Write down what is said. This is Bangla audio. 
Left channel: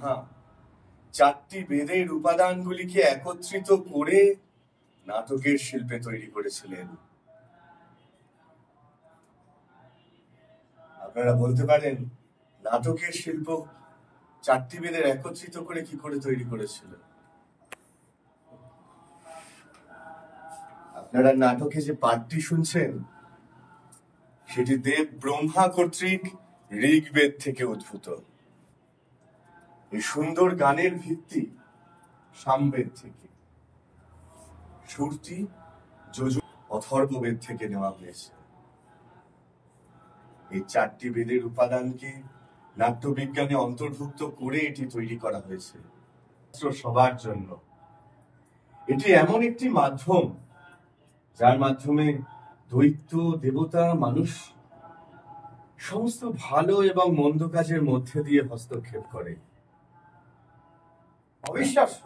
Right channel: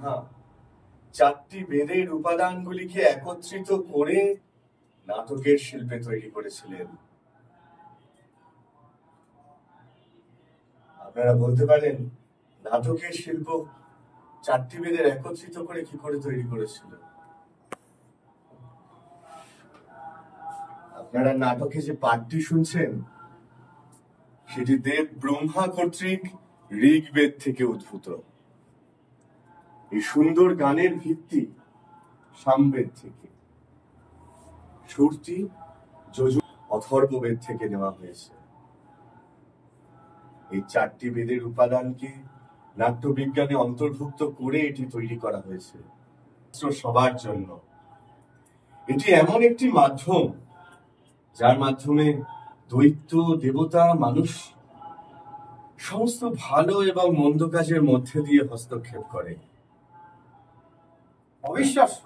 হ্যাঁ, চারটি বেদের উপাদানগুলিকে একত্রিত করে নাটকের শিল্পে তৈরি করেছিলেন। আপনারা বলতে পারেন নাটকের শিল্প চারটি বেদের একত্রিত করে কি করে তৈরি করেছিল? আপনারা নাটকে যে পাঠটি শুনছেন সেটি দেব ব্রহ্মা কর্তৃক ঋগ্বেদ থেকে উদ্ভূত। এই সুন্দর গানের ভিত্তি সামবেদ থেকে, শ্রুতি যজুর অথর্ববেদ থেকে নেওয়া হয়েছে। এই চারটি বেদের উপাদানকে নাট্যবিজ্ঞানে অন্তর্ভুক্ত করে এটি তৈরি করা হয়েছে সবার জন্য। এটি এমন একটি মাধ্যম যার মাধ্যমে দৈত্য, দেবতা, মানুষ সমস্ত ভালো এবং মন্দ কাজের মধ্যে দিয়ে হস্তক্ষেপ করে। অবিশ্বাস্য।